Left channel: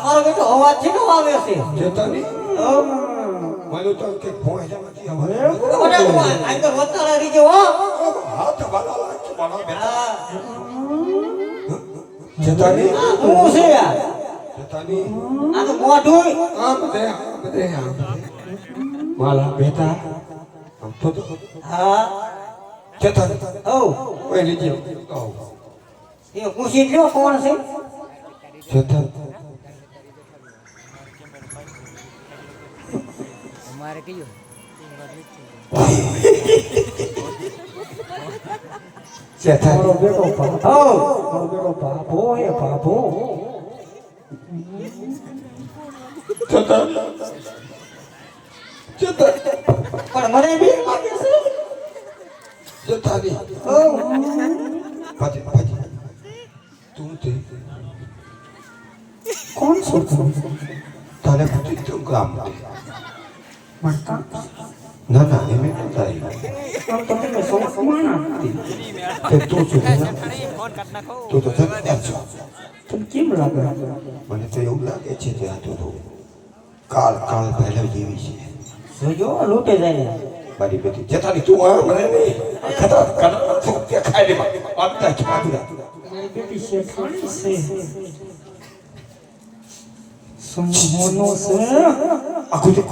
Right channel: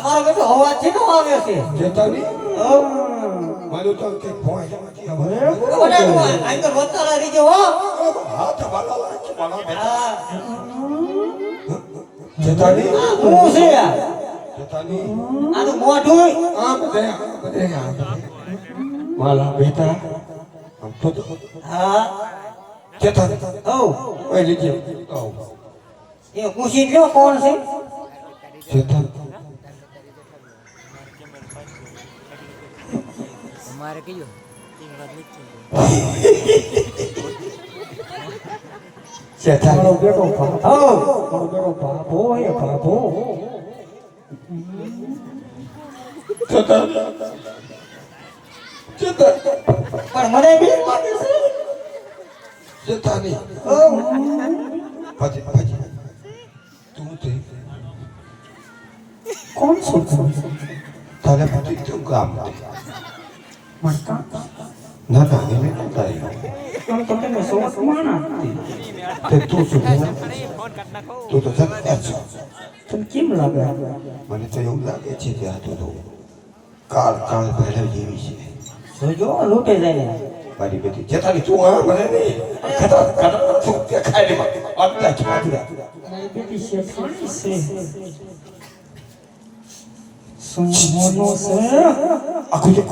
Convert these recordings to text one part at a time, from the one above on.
અમારો બેટો અવાજ છે નો આવે છે જેતાની માનો તો કે ભોય જવાથી હવે આ તો વતાળા રીજો હો હા તો બાલા લાખ મારા બેટા જેતાની હું છે યાર જેતાની આ તો મોઢું બધે મારા બેટા આમ તો હા જેતાની ઓ ઓય લીજો એ પૂછી લ્યો કોણ છે જેતા हमारे कहियो જેતા મારો બેટો બાપો એ બાપો જેતા જેતા પણ મને બી લાગે છે જેતાની ઓ પાજી તું તે કોણ છો તારે પતિ તું કામ માતા ના ના એને નતાઈ કોણ તમે સો કોણ તે તું છું फोन करना को તું તો થતા છો तुम કેમ લાગે મને તો એવું લાગે છે કે આ તો કાળ પહેલા જેવી છે જોજો લૂટે જાય મારી બેટી જેતાની તું આ મને નહીં ખતર તું કે ખાઈ લે બાપના છોકરા મારી બેટી છે ખાણી છે સુમોનો છે આખું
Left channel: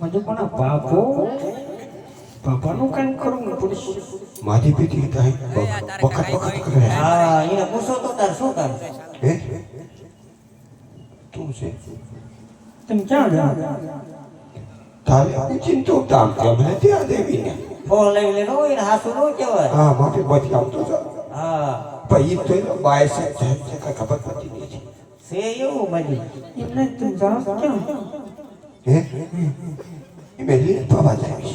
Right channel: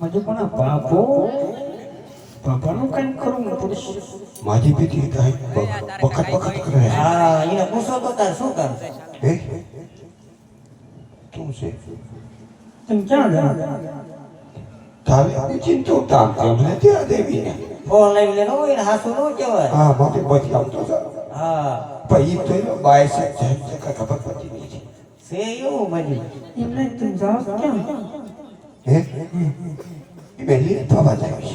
મજે પણ બાપાનું કામ કરવું પડશે મારી બેટી કાંઈ વખત કરે હા એને પૂછો તો તાર શું કામ હે તું છે તમે ક્યાં ગયા તારે આવું ચિંતો તામ કે મને ત્યાં દેવીને ફોન લઈને નો એને હાસુ નો કહેવાય હા માથે બચી આવતો છે હા પછી તો બાય સાહેબ સાહેબ છે કાંઈ ખબર પડતી નહીં છે એવું બની એમને તું જાવ ક્યાં હે મેરી બાબા જાય છે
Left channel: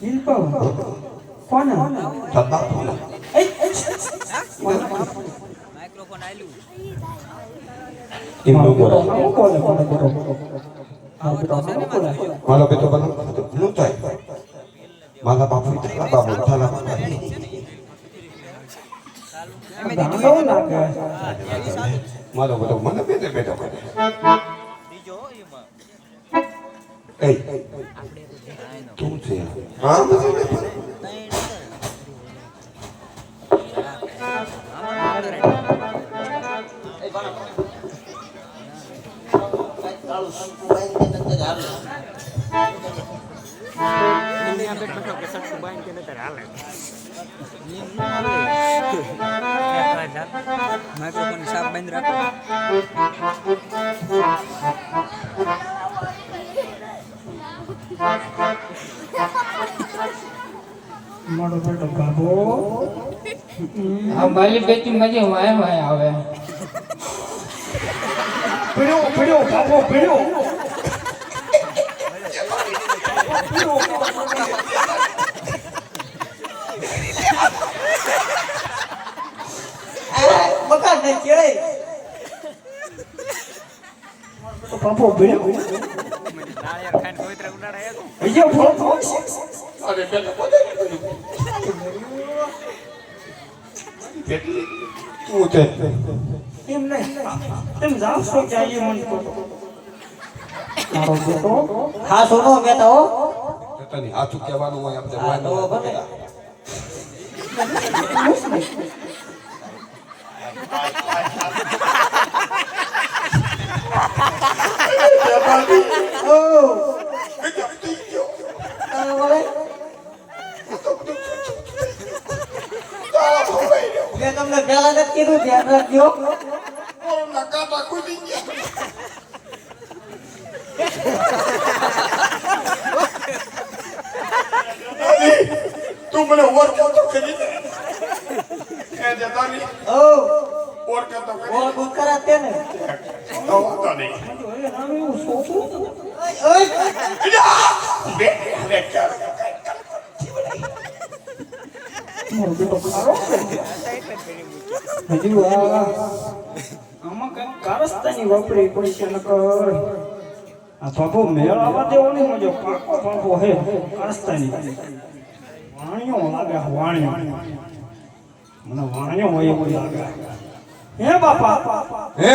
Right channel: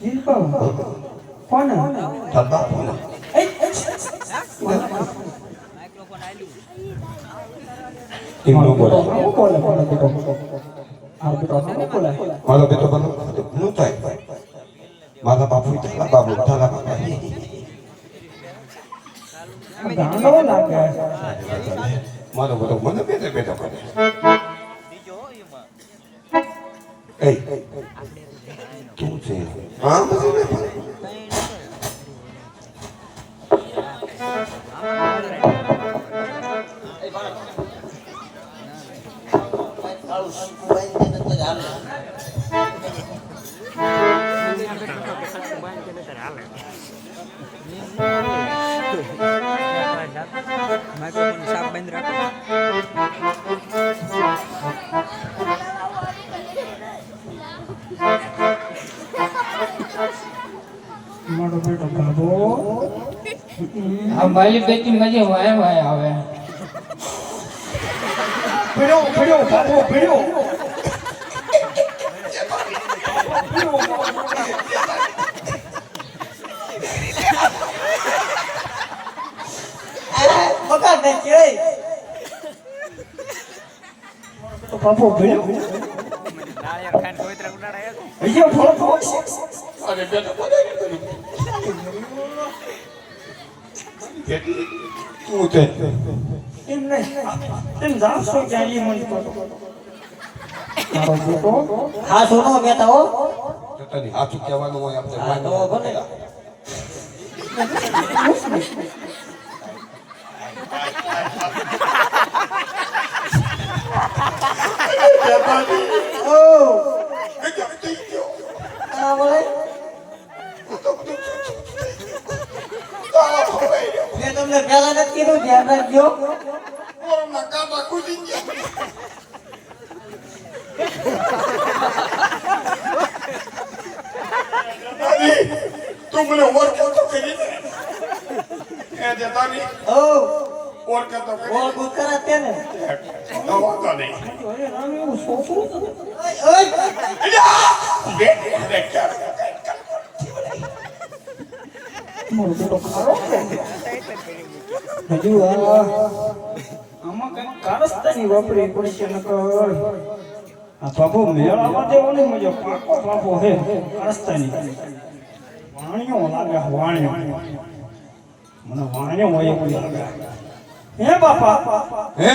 ઈ કહો કોણ તાર બાપુના माइक्रोफोन आलू એમનો બોલો કોણ મારો બેટો બનો નું થાય મારા બાપુ તારા બાપુ ગાંડો લાગે મારો બધો મને બેટો કરે બીજો એમાં એ તું છે હા माइक्रोफोन साफ बंद रखो મારો બેટો બાબો આ મારી બેટી મજે વાય આવે પીડ્યો બાબો પીડ્યો બકા દે છે તો બાબો પીડ્યો नारियल खान कोई तरह उड़ा रहा है બીજો ફોટો અરે બેટો તું તે એમને તેમ જાવ છો જાય મન તો મારો બેટો હા સોનો બેટા હો પોતાની હાથું કહેવાનું હોય હા તો આપણે ભલે ઓ આ બોલે મેં તમને પહેલા જ કીધું ધ્યાન રાખજો તું મને ઓળખાતો કરી દે એ જતા રહી ઓ ઓળખાતો બોલ ગુડ કરાતે ને વાંધો નહીં અરે રામ એવું સોચું ઓય બે હવે ચાલ મોર બેટો ખારો હજુ આમાં કઈ કારસ્તાની વાપરી પડશે નકર આ બાબુ મેળામાં જેવો ને મજો પાકો બાબો હે કારસ્તાની વાણિયો લાગે વાણિયો મને વાણિયો હોય એવું લાગે હે બાપા હે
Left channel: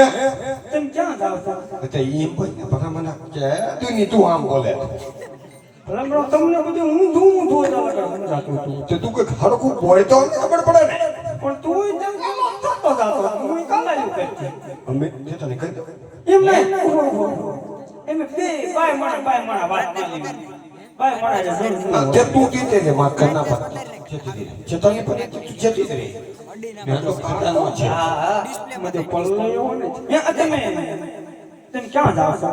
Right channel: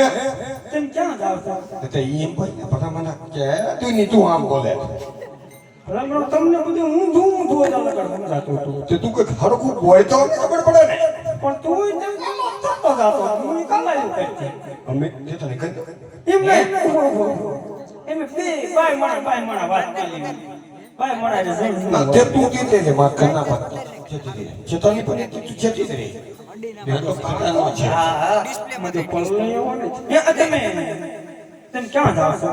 તેમ ક્યાં જાવ છો તે એમ પણ પકા મને કે તું ની તું આમ બોલે ભલા તમને બધું હું ધૂમ લાગે સમજાતું તું તો તું કઈ હરખું બોય તો ખબર પડે ને પણ તું તેમ તો ગાતો હું કાલાયું કરતી અમે જે તને કહી દો એમ નહીં એમ બે બાય મારા વાત માલી બાય મારા જે જોન તે તું કીધે ને માર કરના પર જે તને પડે તું જતી રહે મેં તો ખાવાનો છે હા મજો પલ્લે એવો ને એ તમે ક્યાં જાવ છો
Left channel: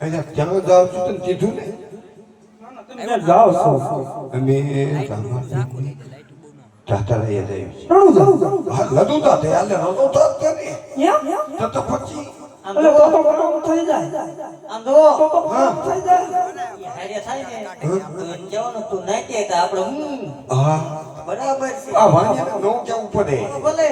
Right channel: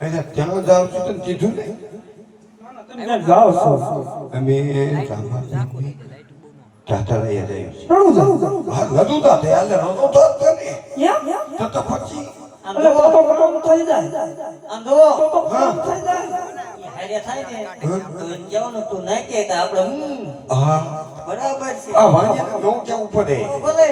એટલે ત્યાં જાવ છું તને કીધું ને તમે જાવ છો અમે રાતા રહી જાય રડું જાવ હા લડું તા તે હાલે રડો તો ને યા તો પછી અલે તો થઈ જાય આંધો તો થઈ જાય હારે થાય ને તો જવાનું તું નહીં કે આપણે હા બરાબર છે આ વાણી નો કેવું પડે ભલે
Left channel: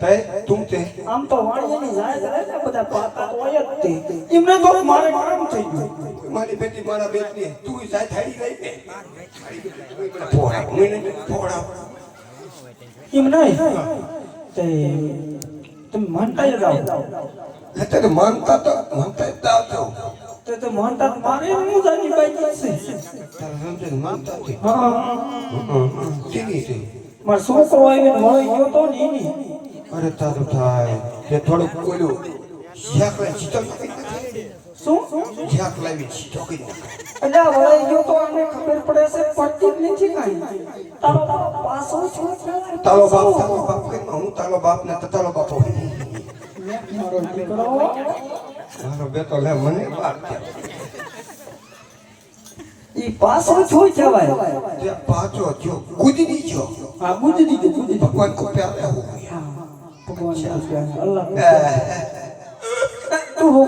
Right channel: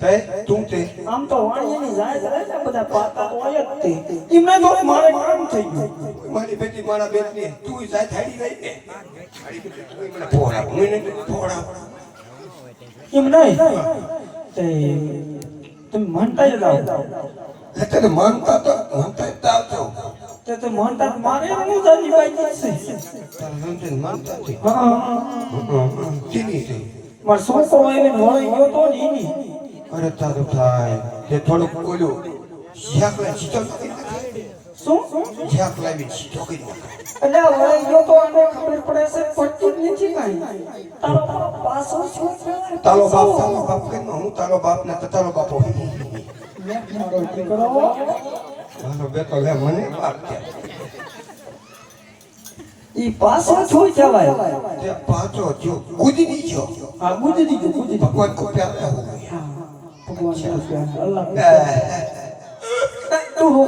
તે તું તે આમ તો વાણીની જાય ને બધા પાકા તો હોય જ તે એમને તો મારે કામ થઈ ગયું મારી બેટી મારા બેટની તું જાય થાળી લઈ ને ફોડા મને ફોડા એમ નહીં તે તમે માનતા જ જાઓ એટલે માનતા તો તો તે માનતા મારે હું જાની બાઈ છે માનતા તે હા કેની છે માર છોકરો આવીને વળી ગયો તો ને એની અરે તારું થાય તે થોડુંક બોલ્યું જ્યાં કોઈ ચીતો શું જ્યાં લાવી ચીતો કરી એટલે વળી ગયો તો અને ખબર પડે છે પડતી જ નથી કાંઈ તારો પાસો છોકરો તારો બાપ કે હું તારો બાપ ને તારો બાપો મારો દીકરો મારો બેટો લે મને બાપ કે ઈ પાસો છોઈ જવાય તે પાછો જો કૂદી ની જો આ બુદ્ધિ દીધું બુદ્ધિ ભગવાન કો પ્યાર હે ભગવાન અલ્લાહ તું હો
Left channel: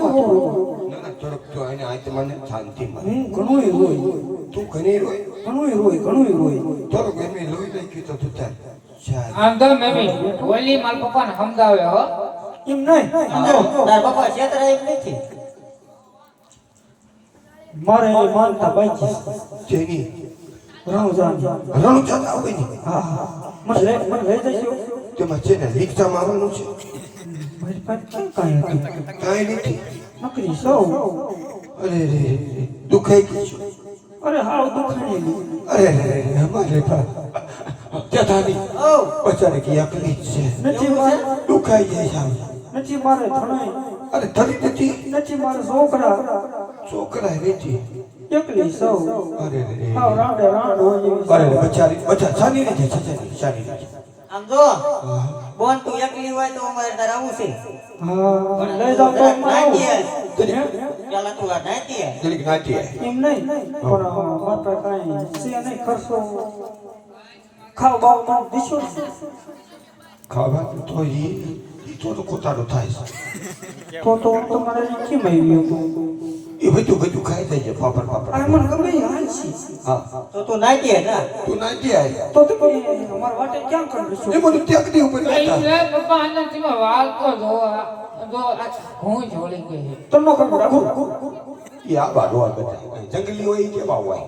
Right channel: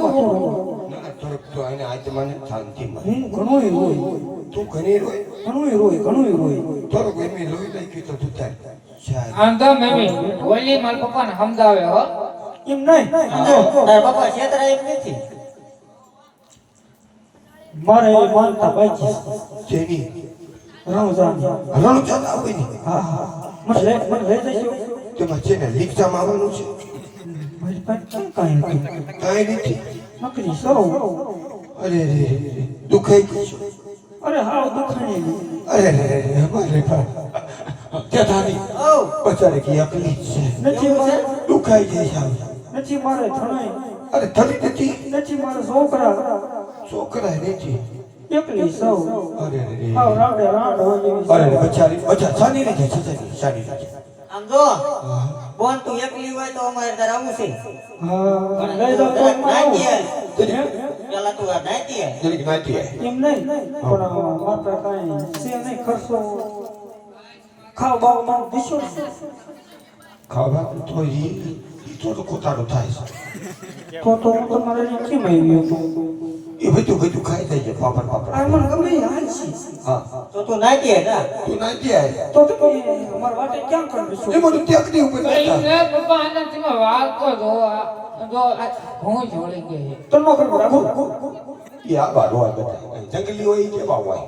થોડુંક તો એને આજ મને શાંતિ મળે ઘણું રોય તું ઘણી રોય ઘણું રોય થોડુંક એમ લોહી લઈ ગયું તો તું ત્યાં આમ તો મેમી ઓલી માર પપ્પાને સમજાવે હો એમ નહીં તાર બાપા છેતરાય નથી મારે એ માનતા બાકી જેની રામ જાન હરણું ચાલ આવે ને હા મને લઈ જશો તેમાં છે ને રિક્ષામાં આવવાનું છે મારી પાસે કાંઈ હતું કાંઈ નથી નકરી સૌ અરે રે દુખાઈ ગયું છે. અરે હાવ દુખાણી અરે રે અમારે ત્યાંની બચારે કે એકલી જ છે નથી મારે દુખાઈ જાય છે આમ. નથી મારે ધણાઈ અરે થરી નથી નથી મારે છોકરા છોકરા રેતી એકલી સૌ અરે રે હાવ રાડે રાડ હોય એવી અરે રે બચારી સાની રહે છે સાની રહે છે આમ જો બોન તું એકલી હોય તો અમારે તાર આવું છે હા લઈ જાવ તો નાખી આય. જરીક પેલા તું આ નાખી આય. જરીક નાખીએ એમ નહીં પણ માત્ર કાંઈ છે નહીં ખર્ચો ખાવ બાવ મને દીશો ખાવા તો ઈ તો કોતારો થાય છે તો તમારે કેમ આવ્યું એ બધું ખાઈ જાય છે પાપડ આ મને ગમે હાલ છે હા તો તું નાખી આય ના તું નાખી આય તો તમે અમારા વાટે ક્યાં કરશો એ બધું ત્યાગની ઉપર બેઠા લે પપ્પા આનંદમાં વાલ તો જો હું જોડી ગઈ તનો કરો એ આ બાડો આ બેઠા જંગલી હોય એ કેવા હોય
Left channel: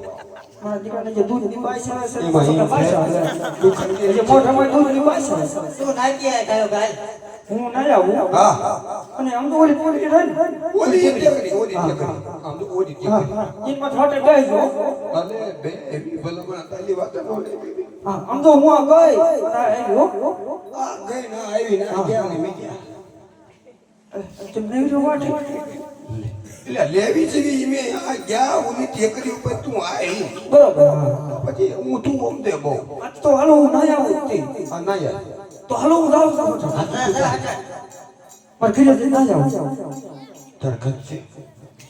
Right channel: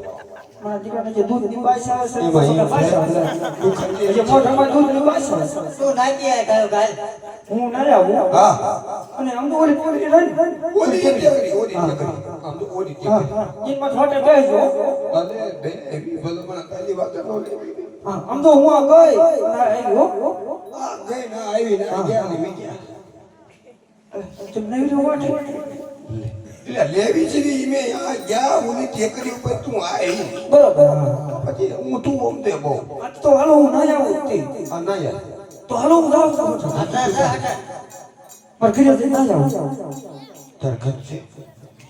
મારા દીકરાને જે દૂધ ની બાઈ આવે છે એમાં સગા બાઈ આવે છે. તું ખાઈ જે મોઢામાં દૂધ ની બાઈ આવે છે તું નાખી આય ગાયો ગાય હું ના આવું હા અને આમ તો ઓલી પોલી રહી ઓલી ટેકરી આમ તો ઓલી ટેકરી એમાં થોડે બેસજો અલે બે એવી ભલમણા તારી વાત ન હા આમ તો હું આ ગઈ ના આવ્યો આ ગઈ ના આવી ના ગયા ને મીડિયા તમે નહીં જોવા એટલે લેવી છે મે આ ગયા ઓલી ટેકરી ઉપર તું આવી બરોબર પછી હું તું ઓમ દે બહુ આ તો હાલો હું ના આવું તે આ ના યાર તો હાલો હું જાઉં છું પર ઘરે ના જાઉં તાર ઘર છે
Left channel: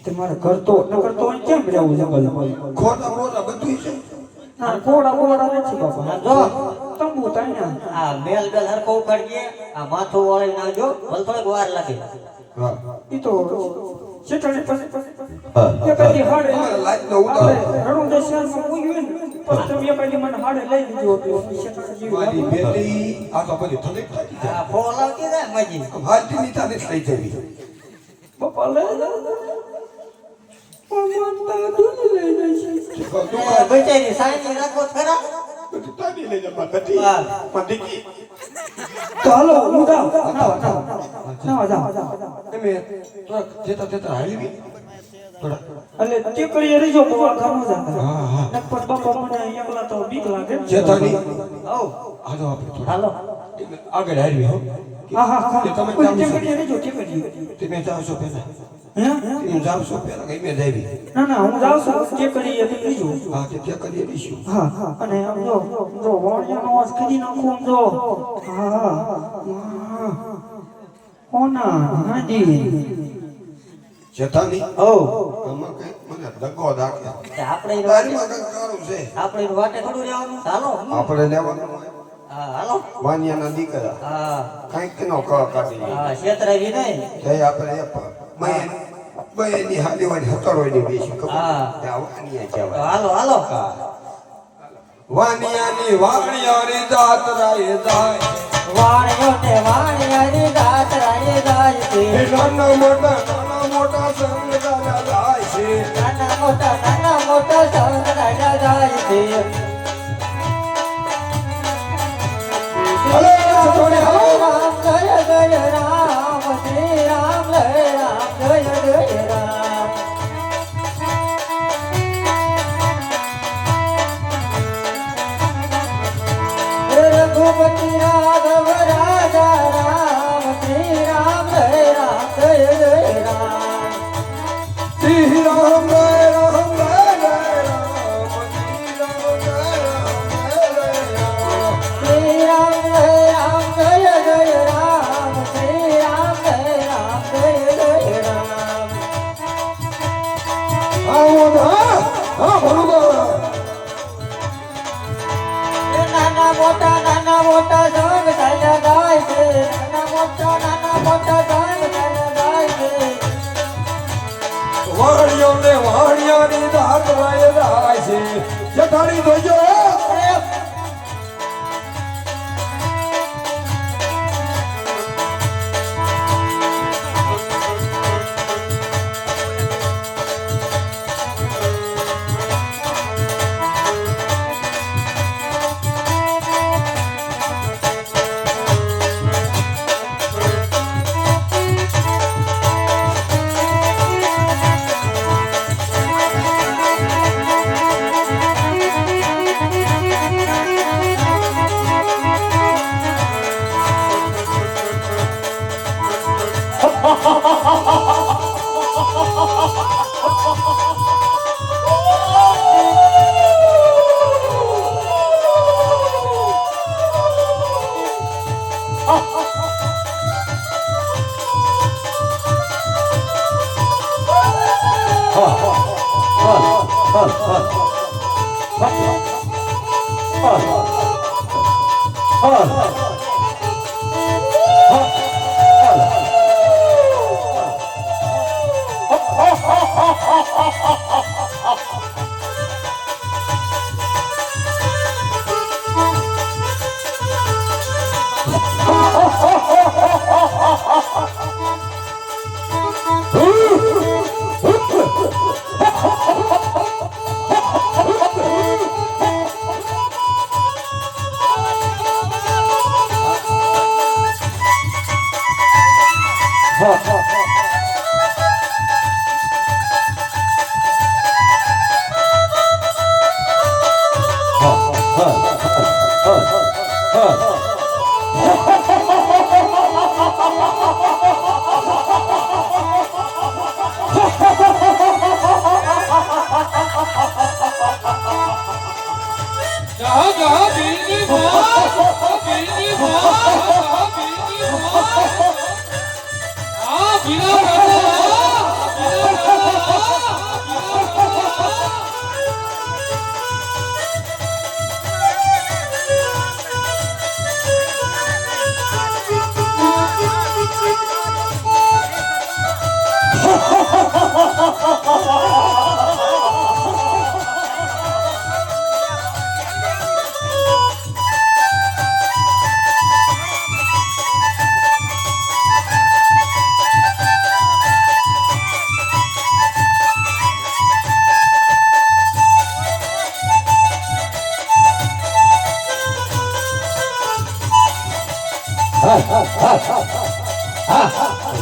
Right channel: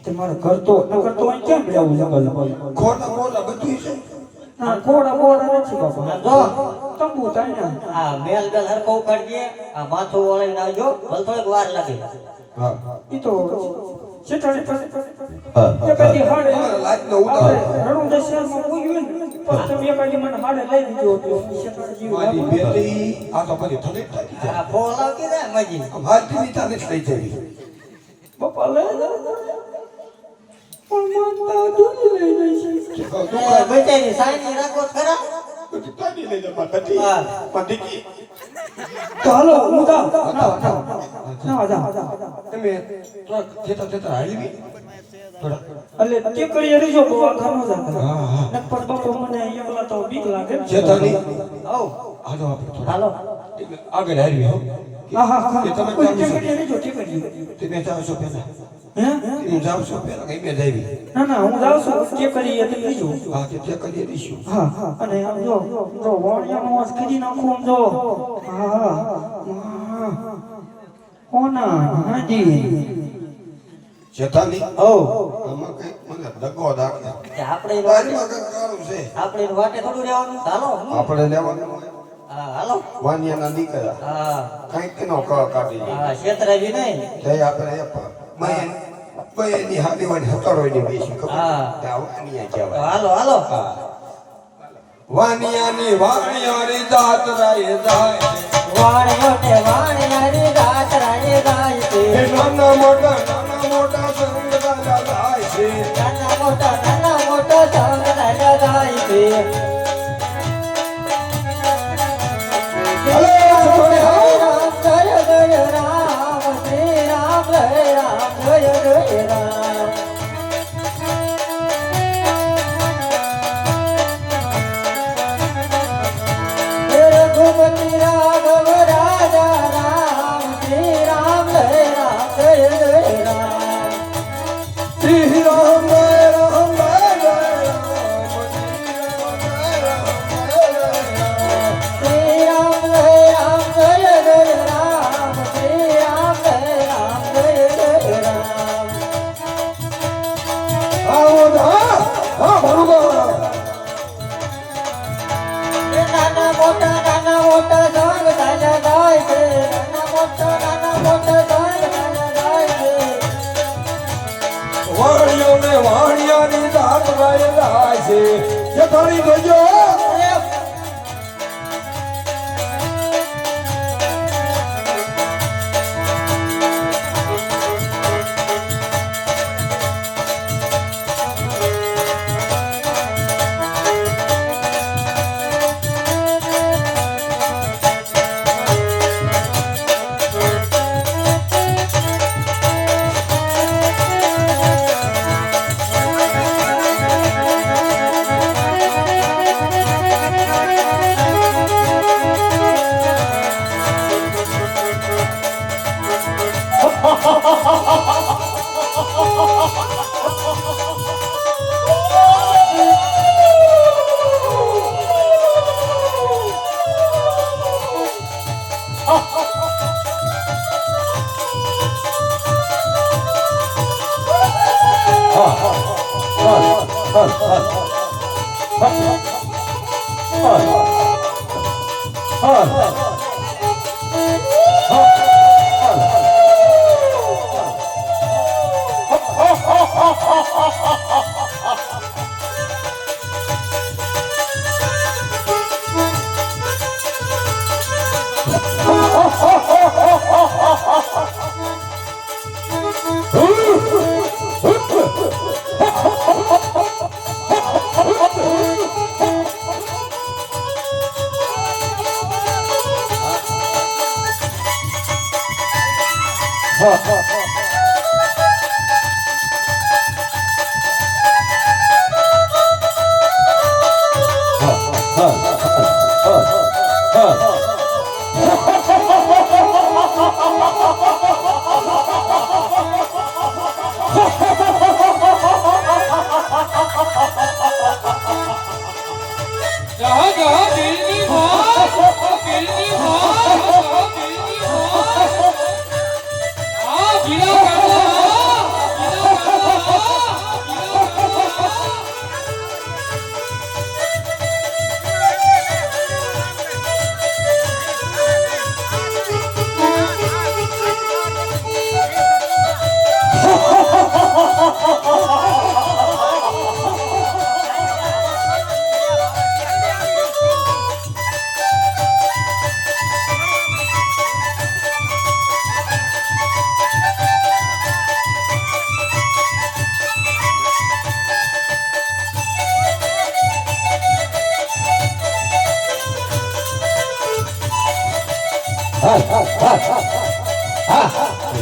તમારા ઘર તો ન કરતો અહીં કેમ જાવું જંગલમાં ખોટા ખોટા બધું છે ના કોડા નથી બાપા જો તંબુ તાણ્યા આ મેલ બેલ હરકો ઉખાડીએ આ માથું વળાઈને આવજો ભલે થોડીક વાર લાગે હા ઈ તો સેટરે હા એ પેલી હાડે લાઈટ નો ઉતાર રણું દશરમાં મૂક્યું ને પછી તમે પેલી મને હાડે લઈ દીધો હતો સેટર મારી જેવી બેટી આ તો પછી થોડી થાકી જાય આ ફોન લાગી જાય મજી હાલતી ની તાને લઈ જવી બાપા લઈ માતા દૂધ લઈ જશે બેટાની સાઈની રાખો તો ખરા તાની લઈ જા માતાજી હા. પંડિતજી તો હાલો હું જાઉં ના જાઉં તમે જેતા જેતા હાલી થોડા એટલે તે કરી રહીજો બહુ આખા ન જા હા હા નકર બાપા મને એકલા તો બીક લાગે ને. જેતાની હવ હાલો આપણે થોડા હાલો આગળ હારી હો હા હા હા કે તમે કોઈ જાઓ તે છો? કરી રહીજો તે કરી તમે જાઓ છો પહેલા હે હું જાઉં છું પહેલા કઈ બે જાવી ના ના હું જાઉં છું તે કરી એટલે બીજું હા તે કરીએ દઈશું હા અને આમ જો વાણિયાનો વાસ કરી નાખું આમ જો હા હોના હાજી જેતાની હવ આમાં કઈ મને દગો દાખલા આપણે તારીમાં કઈ કારું છે આપણે વાટે થોડું રહેવાનું હાલો આપણે લેવાનું હા હાલો વાનિયાના દીકરા હા કંઈક નો ક કાઢી હા છેતરાવી નહીં તે આપણે બયની હાલીવાની હતરોયની બેસી ખબર હા. ત્યાં વાનિયા તો કહેવાય હાલો હાલો વાનિયાની વાણિયાની દાત રાય જાય વાણિયાની રાત રાણી જાય છે એ નાના મોટા સંગ દાદા જાય છે નાના મોટા સંગ રાજા જાય છે અલે છોડે રામ જય જય રામ શ્રી રામ જય રામ જય જય રામ રઘુપતિ રાઘવ રાજા રામ શ્રી રામ જય રામ જય જય રામ શ્રી રામ રામ શ્રી રામ જય રામ જય જય રામ શ્રી રામ જય રામ જય જય રામ હા બરોબર નાના મોટા સંગ ચાલ્યા જાય છે નાના મોટા સંગ ચાલ્યા જાય છે વાણિયાની દાત રાય જાય છે જેતાની જોજો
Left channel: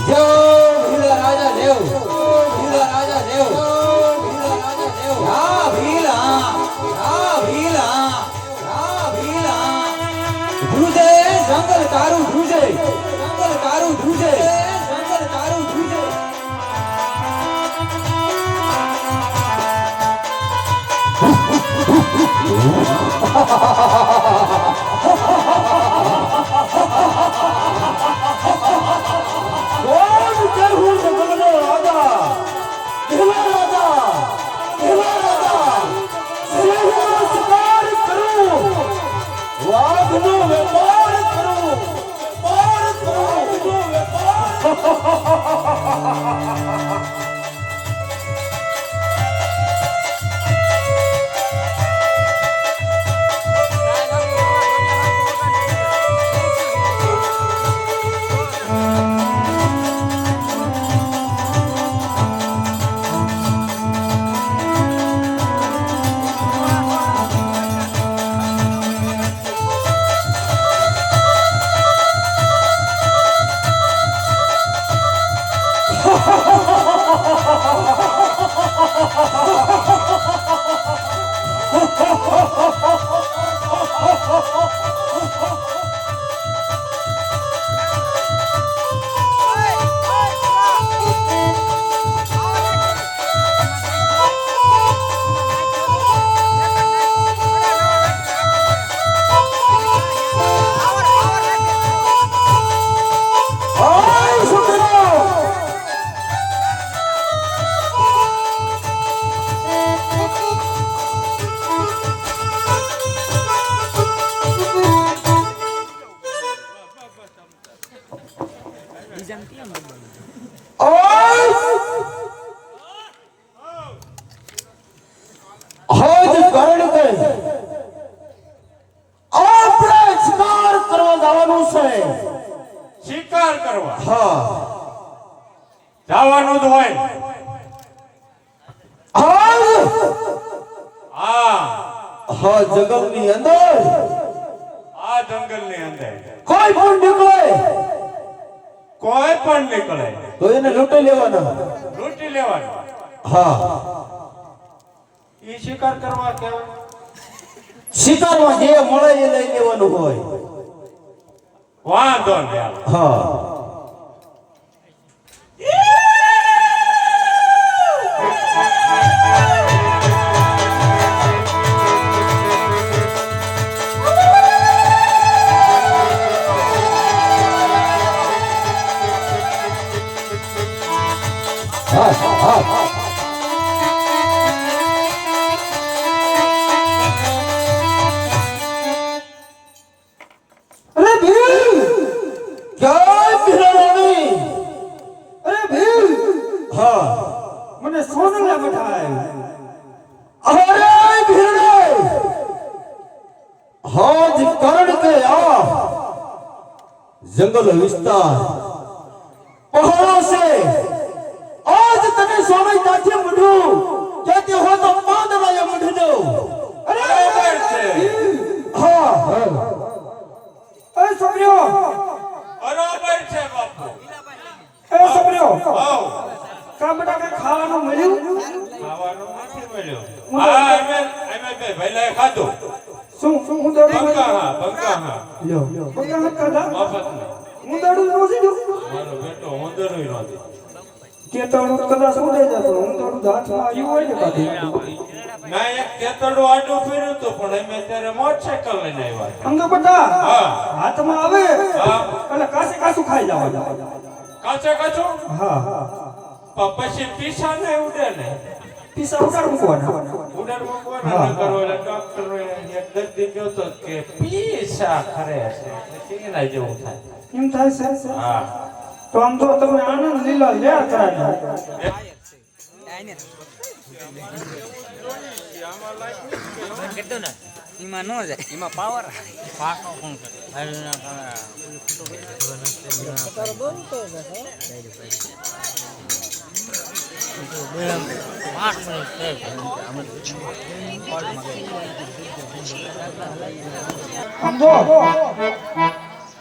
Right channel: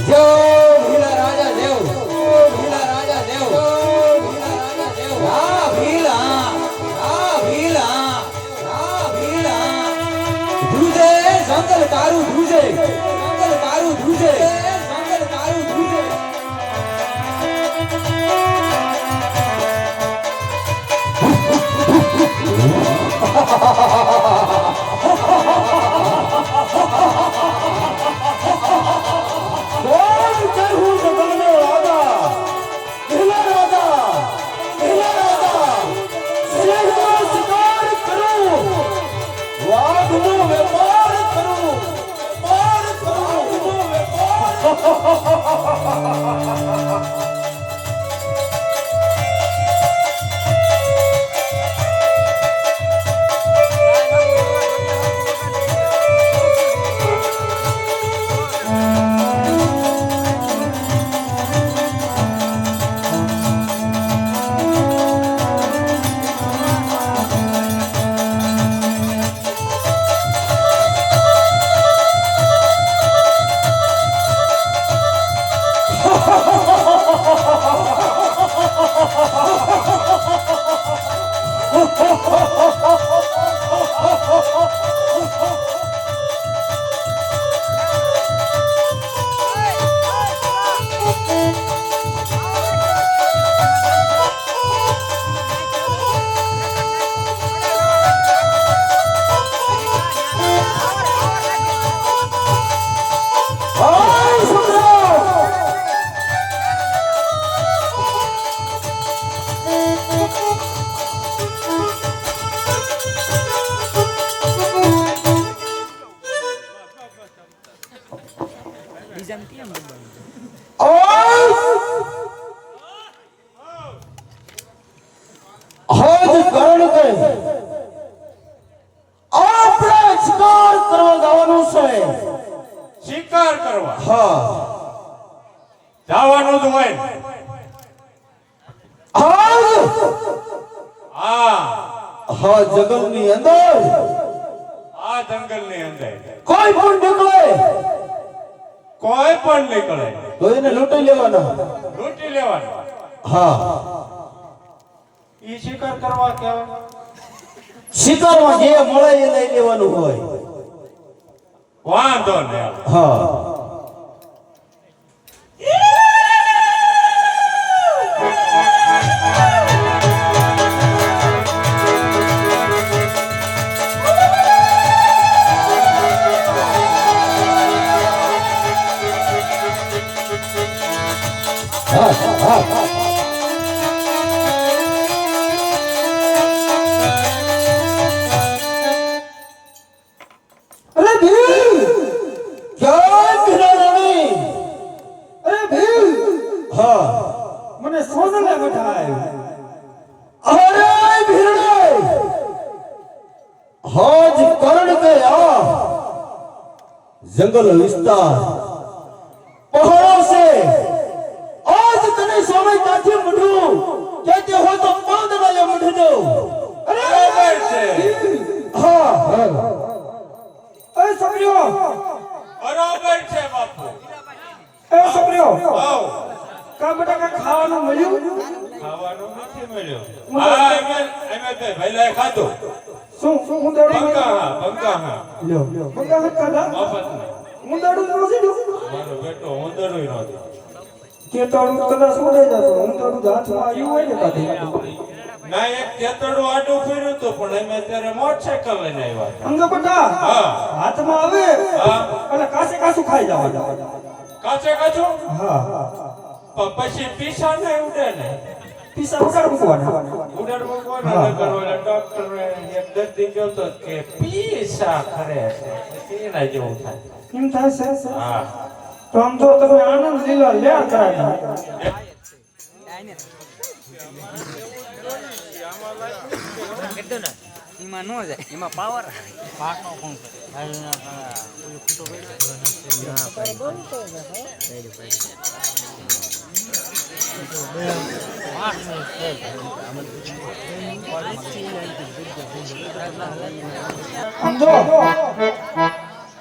જો ભીલા રાજા દેવ, ભીલા રાજા દેવ, ભીલા રાજા દેવ. હા ભીલા, હા ભીલા, હા ભીલા. ધ્રુજે જંગલ તારું ધ્રુજે, જંગલ તારું ધ્રુજે, જંગલ તારું ધ્રુજે. કોણ ચરહું જગતનો રાજા, ભીલા રાજા, ભીલા રાજા. સિંહનો શિકાર કરું, વાઘનો વેપાર કરું, વેપાર કરું, વાઘનો વેપાર. શિકાર કરવા હા જવાનું જ હોય હા જંગલની અંદર કોઈ પણ નીકળે તો એને લૂંટી લેવાના હા ઈ શિકાર કરવા કહેવાય. શિકારમાં જે મળે એ લઈ લેવાનું હોય વાંધો નહીં. હા મને સોનલા મઠાય. અરે ભીડે હાજ કરણ કે આ જંગલ વિસ્તાર પહાડો से आज तने सोने काठे मढू कहते हो तो पाद वाले मढ दो બરાબર છે. हाँ એ છોકરીઓ બરાબર છે બાપુ. એ છોકરીઓ આવ કા બેટા કઈ ખાવાનું મળ્યું ખાવાનું નથી મળ્યું હા અમે બે ભલે ખાધું શું હું દોડું બંકા હા લ્યો બગા મત કાઢા મફતમાં હું દોડું નો સીધું મારો બેટો ઉંદરોય નહોતી કે તો હું કદાચ ઉડે જતો હું તો હાથમાં આવ્યું હોય ને કાઢી ના એક ખેતરનું આડું ફેર્યું હતું પણ અમે ત્યારે મોટરસાયકલ લઈને આવ્યા સમજો બેટા હા હાથમાં આવે હા એટલે કાસે કાસું ખાઈ જવા કાચે કાચું હા પણ પછી પીસા ને ઉડે ને પીસા ઉડાડ મૂકવાના ઉડાડ મૂકવાના નકર ઓલા ડોક્ટરે એક દર્દી કહ્યો તો કે પીસા ખરે છે પછી એના જેવું થાય એમ થાય છે હા તો આમ જો તમે આનંદ લીલા લે કરાય કીધું ને એમાં ન જાય એમાં પાવર સમજો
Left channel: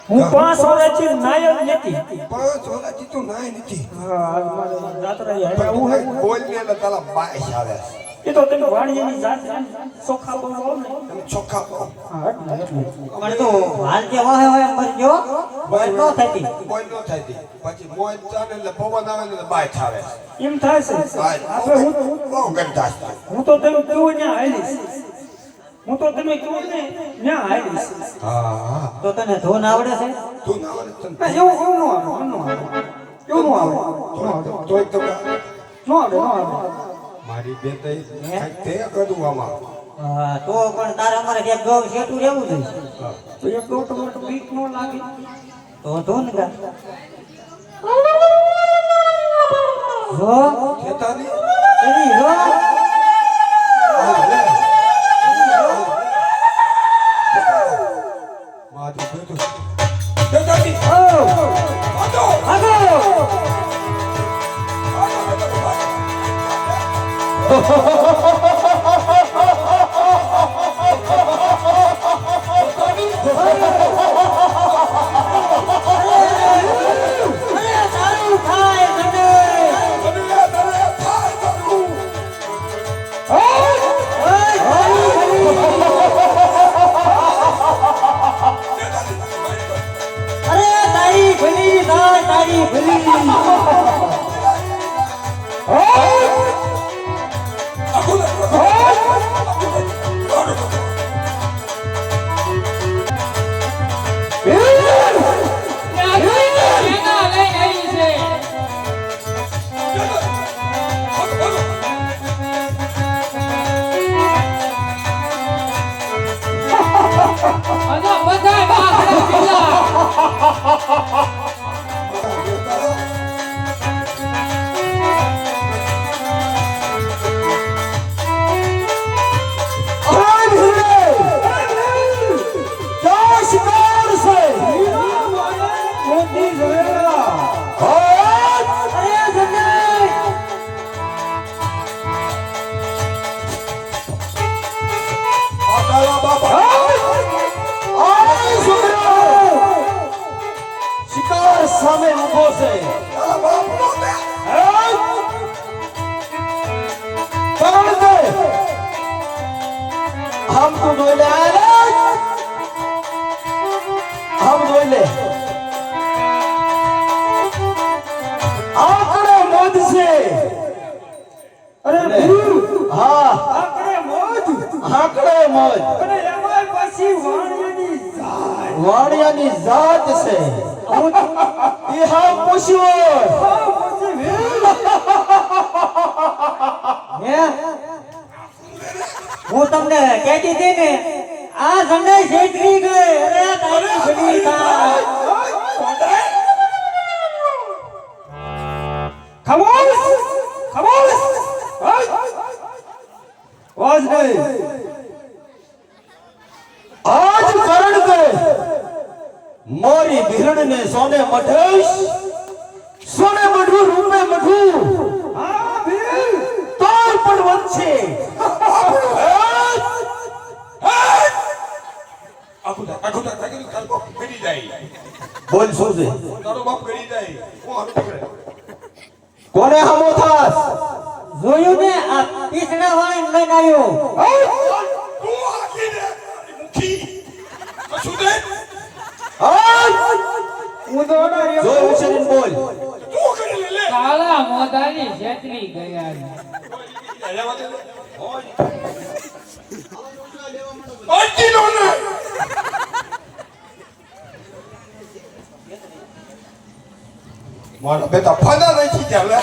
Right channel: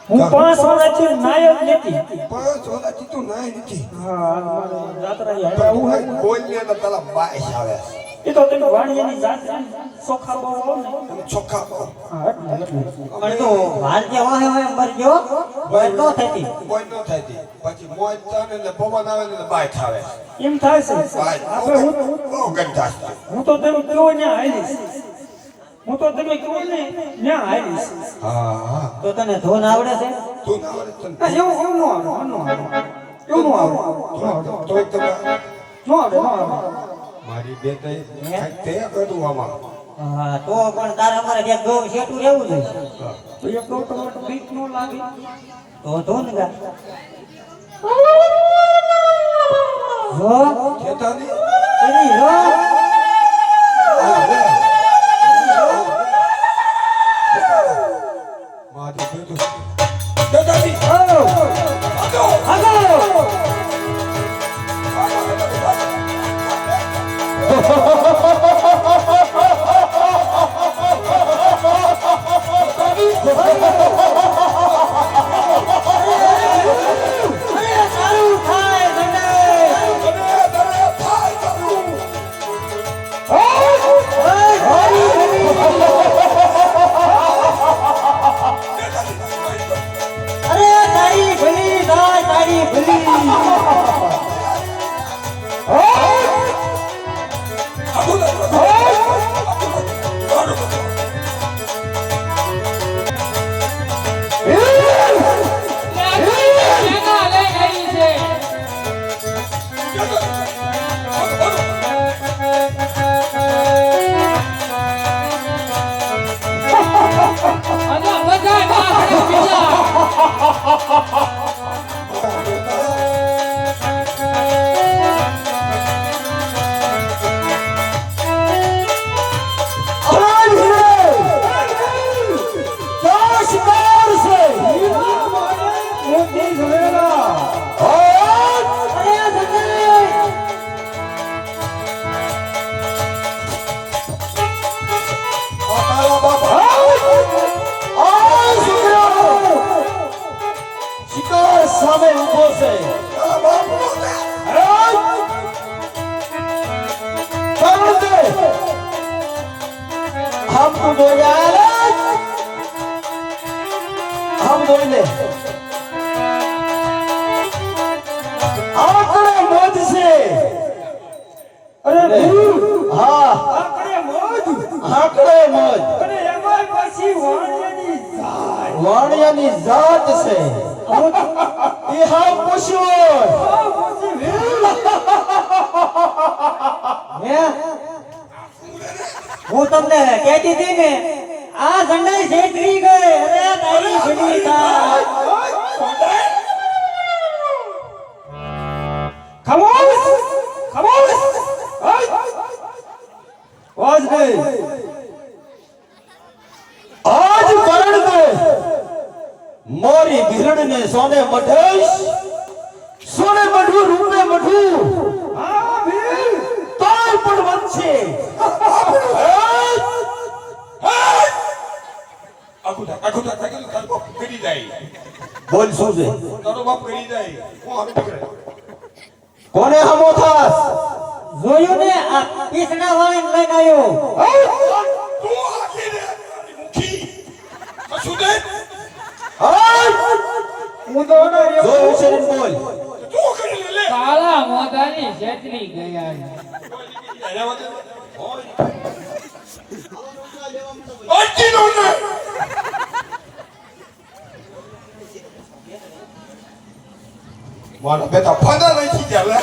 હું 5 વર્ષથી નાયક નથી 5 વર્ષથી તું નાય નથી હા મારે જાત્રા પણ આવ્યા હું હે બોલને તો પેલા બાઈસ આવે એ તો તમે વાણીની જાત્રા સોખા બોલો ને આમ ચોખ્ખા કહો. હા એટલે પણ તું વાંચે હોય કરજો કોઈ ન થતી કોઈ ન થાય તી. પછી મોજ ચાલે એટલે પવન આવે ને એટલે બાય ખાવે એમ થાય છે બાય આપણે હું બહુ ગંધાશ થાય. હું તો તમે કેવો ત્યાં આવીશ હું તો તમે કેવો ને ત્યાં આવીશ હા હા તો તને ધૂન આવડે છે તું ના આવે તને ના એવું એવું નો આવે એવું નો આવે તોય તમે નો આવે મારી બે તે બધું આમાં હા તો પણ તારે અમારે ક્યાંક ગૌ શેઠું રહેવું જોઈએ તો એક દો ટમેટો બીક નો લાગે તો ધૂન ગા જો ખેતાની એની જો મારી બધું ખેતાની સામે ઉભો છે कौन दे हमको बोले हम बोले आंकड़े मोद से अरे हाँ आंकड़े मोद अरे एमाय पाછી વાણિયાની જાત છે એ હા પૂછ્યો હું તમને કહેતી હતી ને આ ઝંડાઈ છેતરી ગઈ અરે તારી ઘડી થાય ખામોશ ખામોશ વાજ નહીં आज करण दे मोरी बिहड़ ने सोने मठेश सोने मठू रूपे मठू हाँ भी तोय पर वंशे આખું પીડી જાય બોલ શું છે તારો બાપ કરી જાય હું હવે નીકળે કોને હમો થાસ જોયું ને આ પીસણા વાળા લઈને આવ્યો તું આખી દે મુખી શું દે હું તો ને જોયું છે ને બોલ તું કરી લે કાળા મોઢાની છેતરી ગયા અડતી નો ને મારા બેટા ફાના નહીં થઈ ગયા લે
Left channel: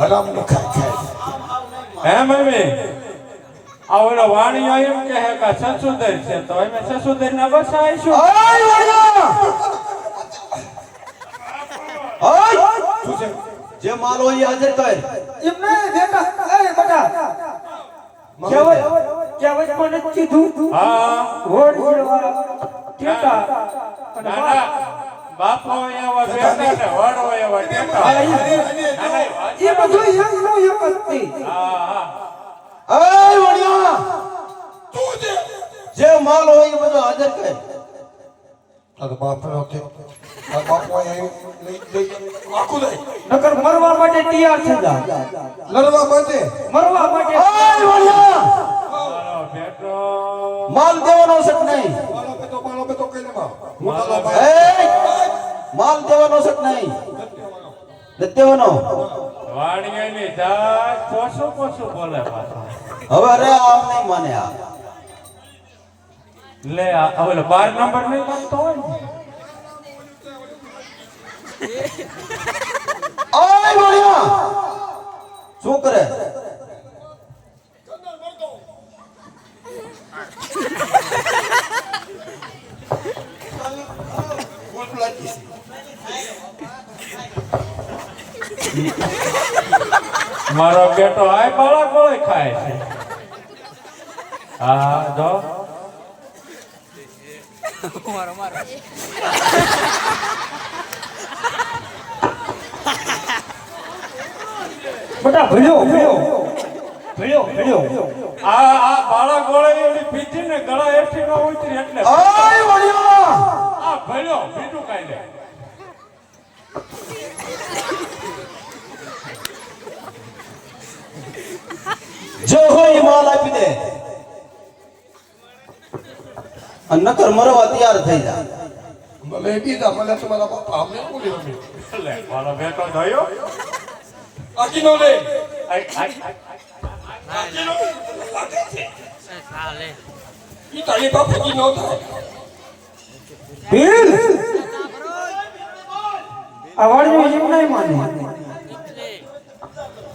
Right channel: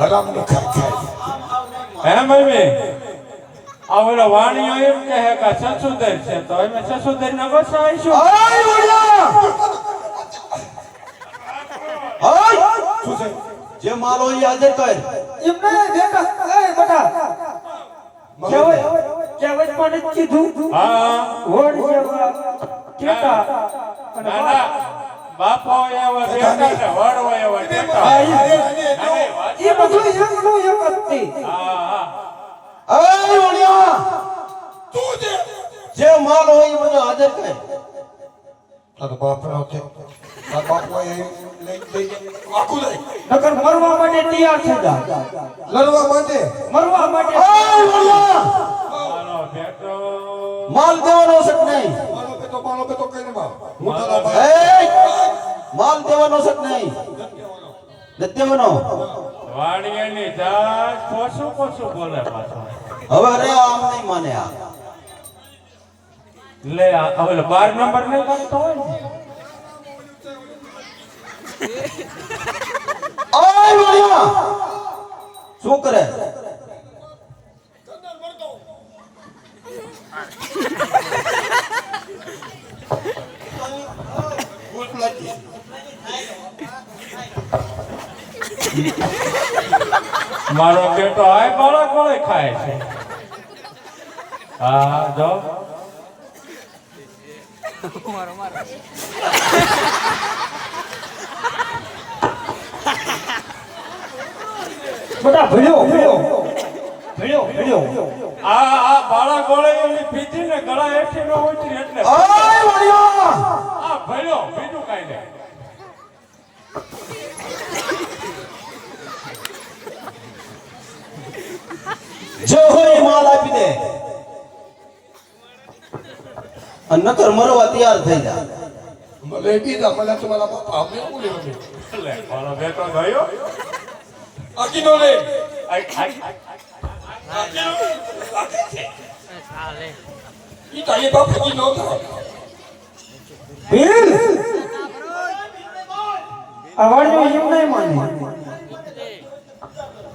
હરામ ન ખાય હે મમ્મી આ ઓલા વાણીઓ એમ કહે કે સંશોધન છે તો અમે સંશોધન ના ગોસાઈશું આય વડિયા આય શું છે જે મારો ઈ હાજર કર એમને બેટા એ બેટા કેવત મને કીધું હા હોડ જેવા કેટા અને નાના બાપો એવા બેટા ને વાડો એવા બેટા એ બધું એમનું એક જ હતી. હા આય વડિયા તું દે જે માલ હોય એ બધું હાજર કર તારો બાપ નો તે તારો બાપ હોય લઈ આખું લઈ નકર મરવા માટે તૈયાર થઈ જા લડવા માટે મરવા માટે આય વડિયા મારો બેટો માલ દેવાનો છે કે નહીં મારો પેતો કઈ ન મારો એ માલ દેવાનો છે કે નહીં નથી દેવાનો વાણીઓની જાય પોસું પોસું બોલે પાછો હવે રે આમ નહીં માને આ લે આ ઓલો 12 નંબર નહીં બનતો હોય ને આય વડિયા શું કરે મારો બેટો આય બાળા ગોળે ખાય છે હા જો બેટા ભણ્યો આ બાળા ગોળે ઓલી પીધી ને ગળા હેઠી ન ઉતરી એટલે આય વડિયા આ ભલ્યો બીજું કાઈ નહીં જે હોય એ માલ આપી દે અને નકર મરવા તૈયાર થઈ જા મને બીજા મને તમારા બાપ આપણે બોલી મમ્મી લે મારો બેટો ગયો આખી નો લે ઈ તારી બાપ કી નો થાય ભીલ આવાડ્યો એમ નહીં માને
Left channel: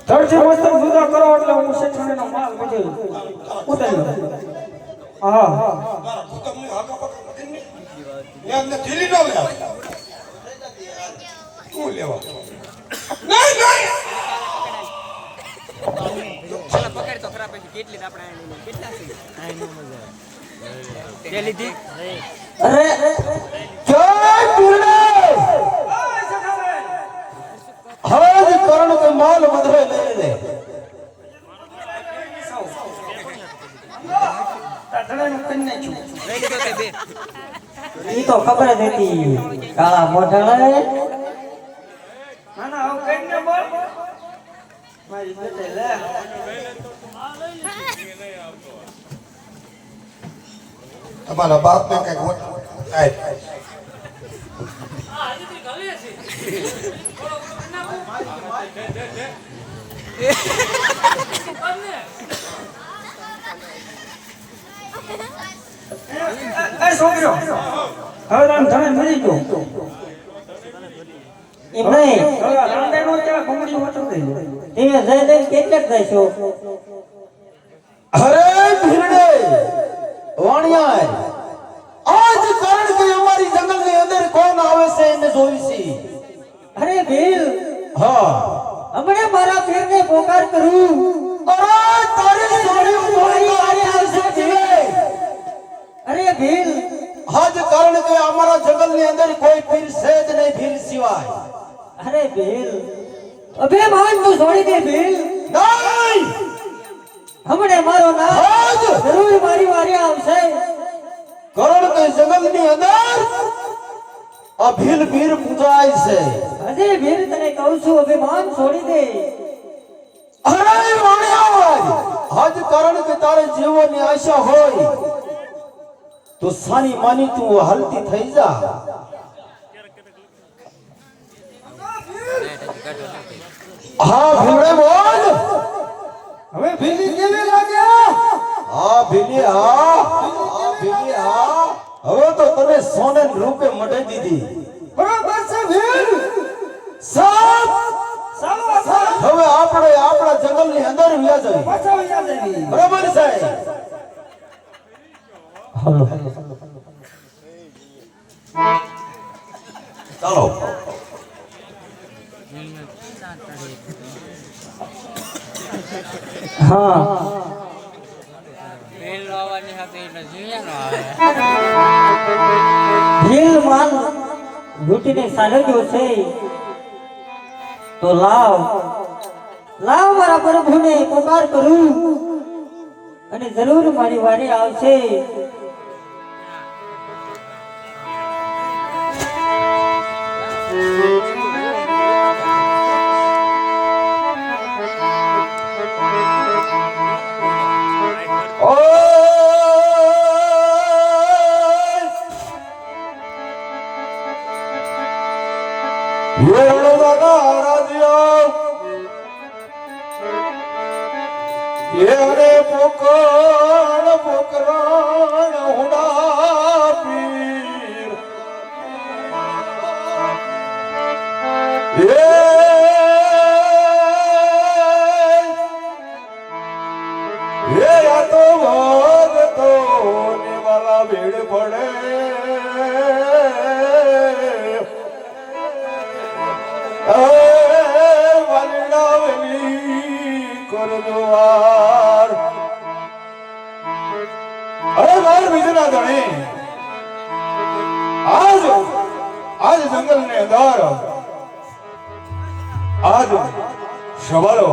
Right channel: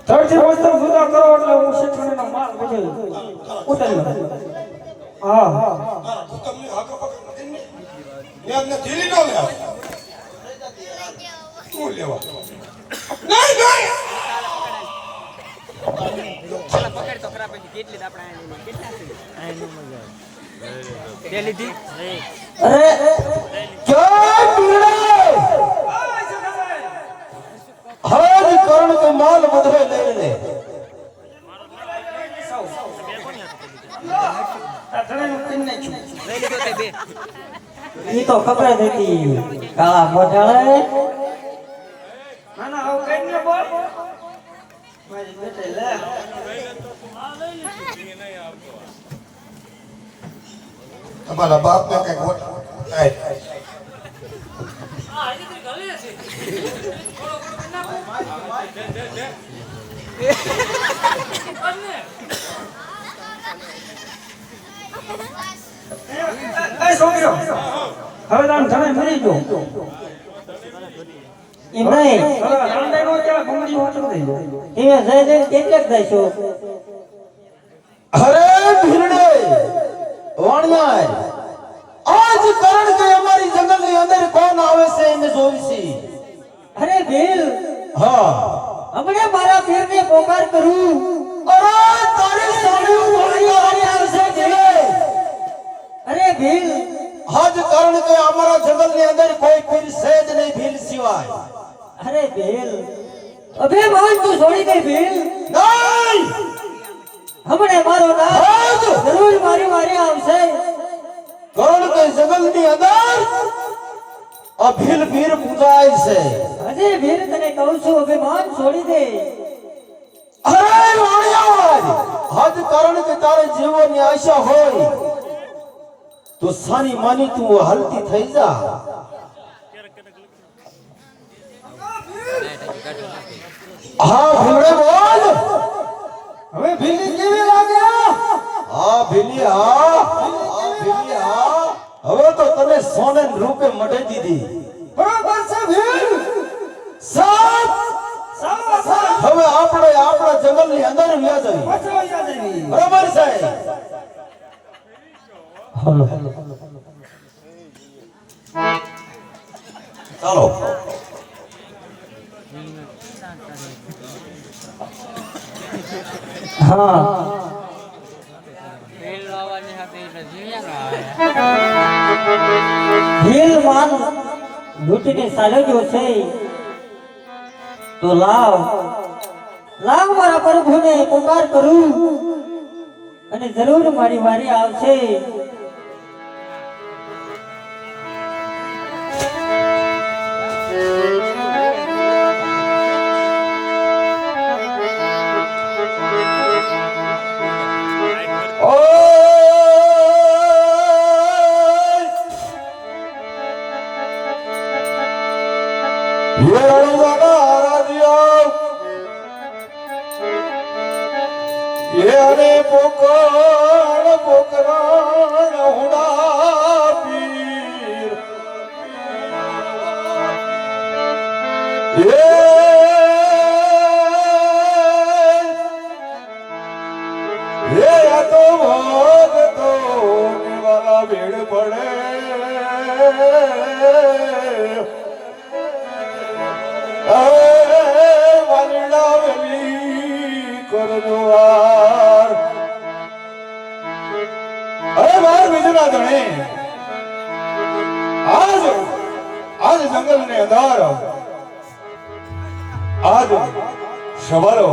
ધરતી વસ્તુ જુદા કરો એટલે હું શેઠાણીનો માલ વેચી ઉતારી લઉં. હા તમને હાકો પકડ ને એમને ધીરી નો લે તું લેવા નહીં નહીં પેલા પકડ તો ખરા પછી કેટલી આપણે આ લઈ લે કેટલા છે આ નો મજા આવે તે લીધી અરે જય પીરડે હજ કરણ કે માલ બધરે લઈ લે લઈ લીધો તે બે ઈ તો પકડે દેતી કાળા મોઢાળે ના ના હવે કઈ ને બોલ મારી બેટે લે તમારા બાપ ને કઈ ગોટ કાઈ એ છોકરો હવે આમ ઘરે મરી ગયો એમ નહીં હવે ગાંડાનો જ્યાં ઘૂંઘરી ઓછો થઈ ગયો તમે જઈ જઈને કેટલાક જઈશો અરે પીરડે વાણિયા આજ કરણ કે અમારી જંગલ ની અંદર કોણ આવે છે એને જોઈશી અરે ભીલ હા હમણાં મારા પીરને પોકાર કરું અરે તારી સાડી ઉભરી વાળી આવશે કે અરે ભીલ હજ કરણ કે અમારા જંગલ ની અંદર કોઈ પીર છે જ નહીં ભીલ સિવાય અરે ભીલ અભિમાન તું છોડી દે ભીલ નહીં હમણાં મારો નામ હજ જરૂર મારી વારી આવશે કરણ કે જંગલ ની અંદર અભિલ ભીર પૂજાય છે. હજી વીર તને કહું છું અભિમાન છોડી દે. અરે વાણિયા, હદ કારણ કે તારે જીવવાની આશા હોય તો સાની માની તું હલતી થઈ જા. હા ભૂલે બોલ. હવે ભીલી કેવી લાગ્યા? હા ભીલી, હા ભીલી, હા. હવે તો તને સોનન રૂપે મઢી દીધી. બરાબર છે ભીલ. સાપ હવે આપણે આપણા જંગલની અંદર વ્યા જઈએ. પાછા વઈ જા દેવી. બરાબર છે. ચાલો. ભીલ માન લૂંટીને સાલવ્યો છે તો લાવ મારા પ્રભુને પુકાર કરું અને જરૂર મારી વારી આવશે. રે પોકળ પોકરાણ હુડા પીર એ આ તો ભગતો ને વાલા ભીડ પડે વાલીડા વેલી કરજોવાર અરે વાર બીજું ના ધણી આજ જંગલ ની અંદર આજ સવાલો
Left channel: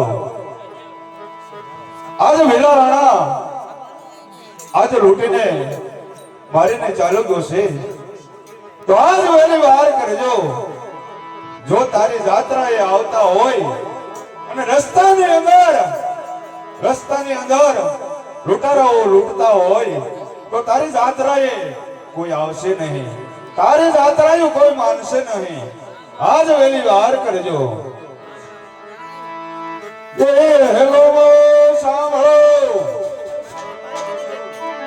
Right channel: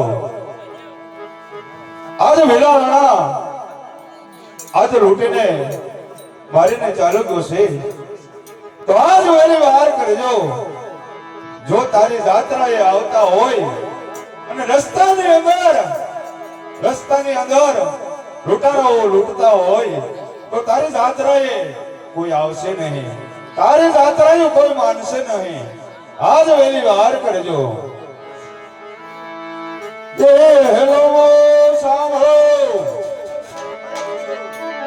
આજ વેલા રાણા આજ લૂંટીને મારીને ચાલો ગયો છે તો આજ વેલી વાર કરજો જો તારી જાત્રાએ આવતા હોય અને રસ્તાની અંદર લૂંટારાઓ લૂંટતા હોય તો તારી જાત્રાએ કોઈ આવશે નહીં, તારી જાત્રાએ કોઈ માનશે નહીં. આજ વેલી વાર કરજો. એ હેલો સાંભળો,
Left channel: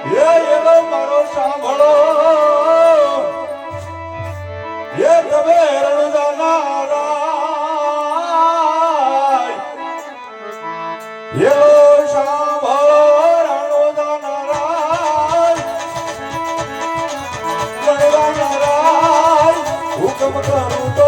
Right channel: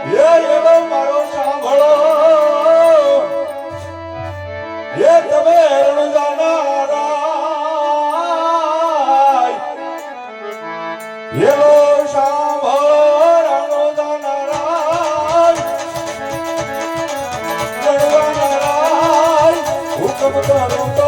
એ હેલો મારો સાંભળો, એ તમે રણજાના હેલો સાંભળો રણજાના હુકમ કરું તો